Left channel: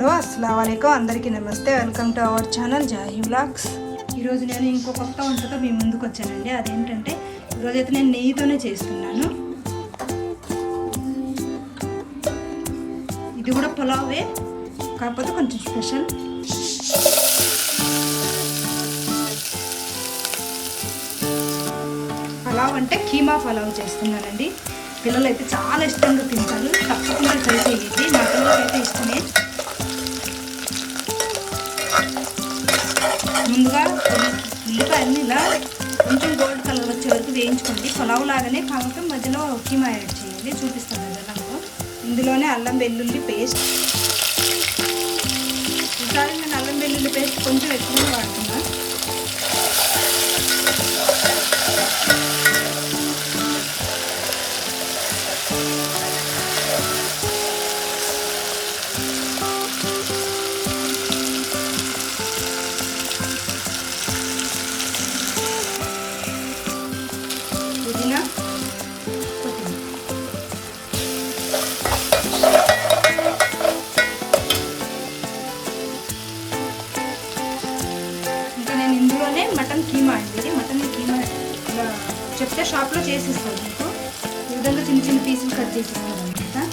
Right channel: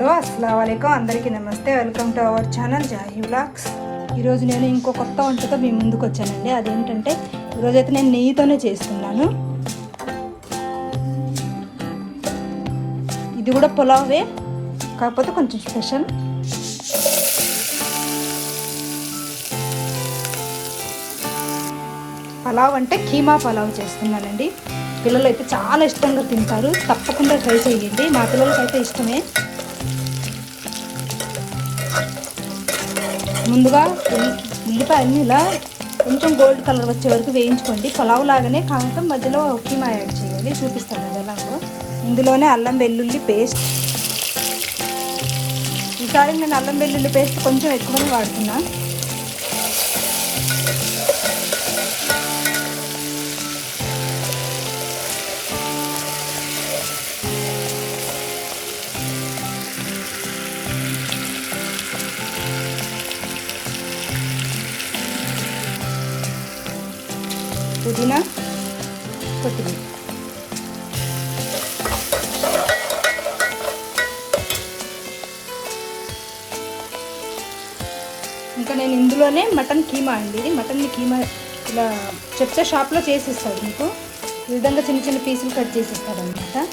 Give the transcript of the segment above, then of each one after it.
Hello అస్సలాముఅలైకుం అందరికీ నమస్తే. Welcome to our channel Jahi vlogs. ఈరోజు నేను ఇంకో కొత్త వంటతో మీ ముందుకు వచ్చానండి. అదేంటంటే ఈరోజైతే నేను నెయ్యితోనే చేస్తున్నాను. ఇది కూడా పులావే, కాకపోతే కొంచెం స్పెషల్. పలావ్ అంటే కీమా పలావ్ చేస్తున్నానండి. పిల్లలు అయితే చాలా ఇష్టంగా తింటారు, తప్పకుండా ట్రై చేయండి. మా పిల్లలకైతే ఇష్టమే. ముందుగా ఉల్లిపాయని ఇలా కొంచెం గోల్డ్ కలర్ వచ్చే వరకు వేయించుకోండి. పలావ్ లాగానే కావటం మధ్యలో కీమా యాడ్ చేయండి, చూపిస్తాను కదా ఎలాగో. ఇందులోనే అల్లం వెల్లుల్లి పేస్ట్. ఈసారి నేను అల్లం వెల్లుల్లి పేస్ట్ కొంచెం ఎక్కువ వాడుతున్నా. పుదీనా, కొత్తిమీర. ఇంకా నేను ఇందులోనే మటన్ కీమా అండి. మటన్ కీమా ఇలా చెప్తే షాప్లో చేసిస్తారు మీకు. ఈ విధంగా చిన్న చిన్న పీసులు కట్ చేసిస్తారు అనమాట.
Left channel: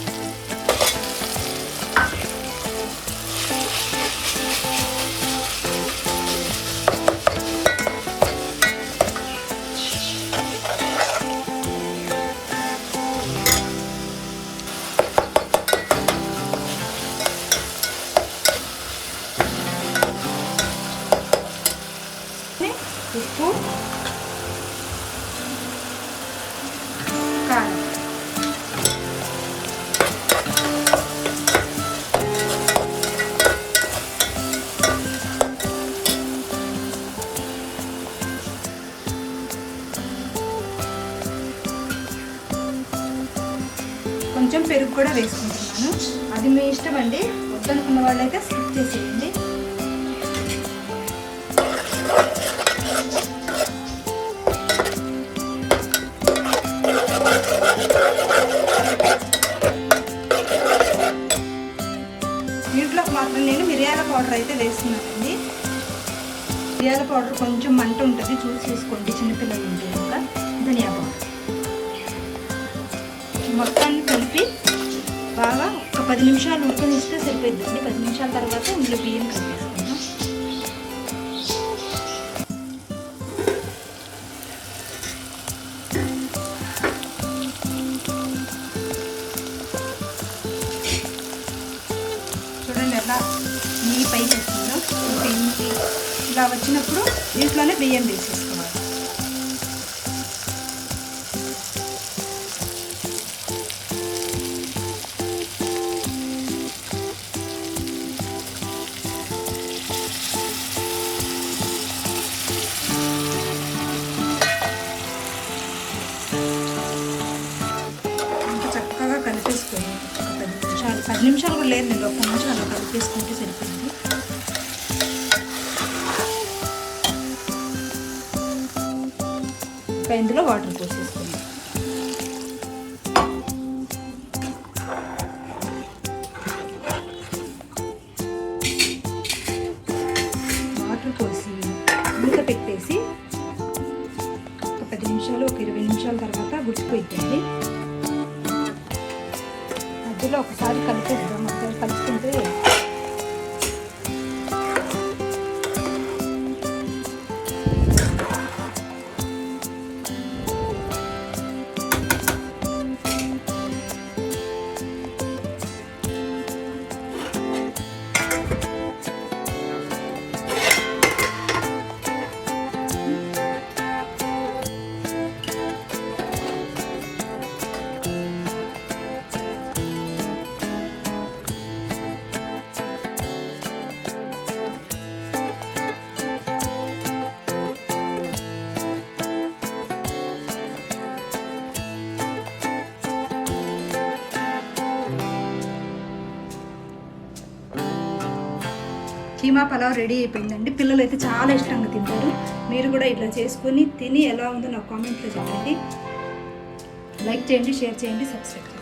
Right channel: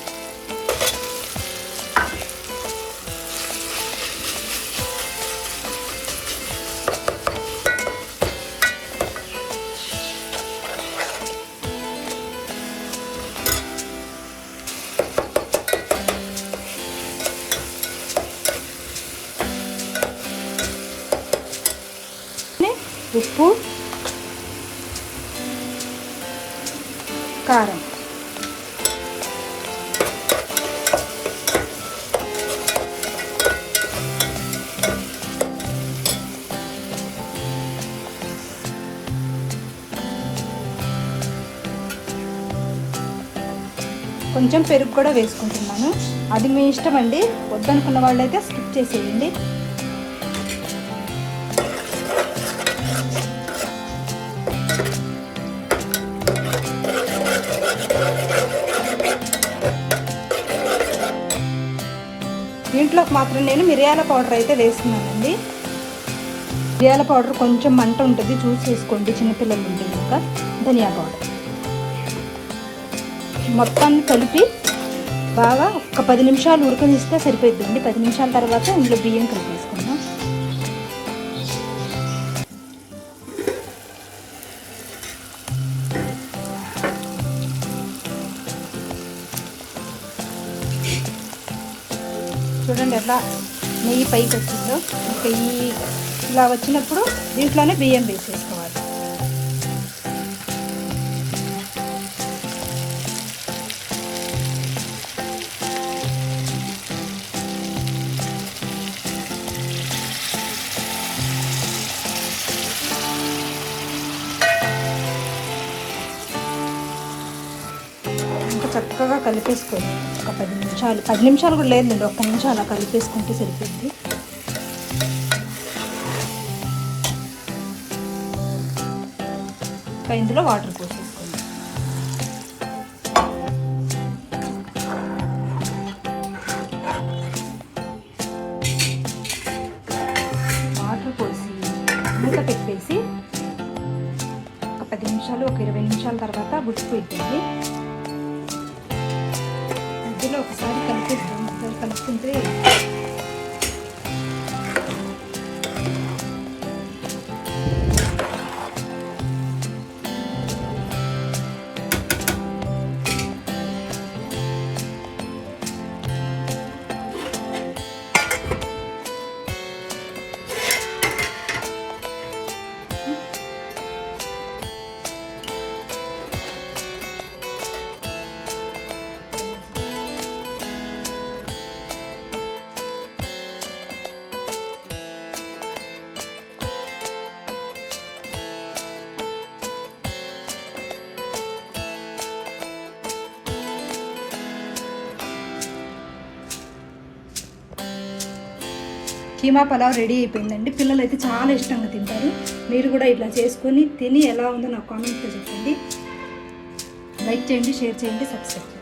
ఉప్పు, కారం. కొంచెం పెరుగు కూడా వేసుకుంటున్నాను. అది మీ ఇష్టం అండి. వద్దనుకున్న వాళ్ళైతే స్కిప్ చేసేయండి. దీంట్లోకి మాత్రం నేను మిరియాల పౌడర్ అయితే వేస్తున్నానండి. మిరియాల పౌడర్ కొంచెం మంట ఉంటుంది, చూసి వేసుకోండి చిన్నపిల్లలు ఉంటే. ఇంకా ధనియా పౌడర్ మొత్తాన్ని కలిపి బాగా ఒక 10 నిమిషాలు ఉడకనిస్తే సరిపోతుందండి. 10 నిమిషాల తర్వాత ఇందులో బియ్యం కలిపేసుకుందాం. చూడండి ఎట్లా నెయ్యి పైకి వస్తుందో. ఇంకా ఇలా వచ్చినప్పుడు దీంట్లోనే బియ్యం వేసేసుకోవాలి. ఇంకా చక్కగా కలిపేసుకోండి. ఒక 10 నిమిషాలు కూడా లేదు, 1 నిమిషం అలా కలిపేసుకుంటే సరిపోయింది. ఇంకా ఇందులో వాటర్ పోసేసుకోండి. వాటర్ పోసి మూత పెట్టేసి ఒక 10 నిమిషాలు, ఒక 20 నిమిషాల తర్వాత ఉడికిపోయింది. మధ్యలో ఒకసారి కలిపేస్తాం. మధ్యలో కలుపుకుంటే కీమా పలావ్ రెడీ అయిపోయిందండి. పిల్లలు అయితే చాలా ఇష్టంగా తింటారు. మీరు కూడా ఇట్లా చేసుకొని తిని ఎలా ఉందో నాకు కామెంట్లో చెప్పండి. లైక్ చేయండి, షేర్ చేయండి, సబ్స్క్రైబ్.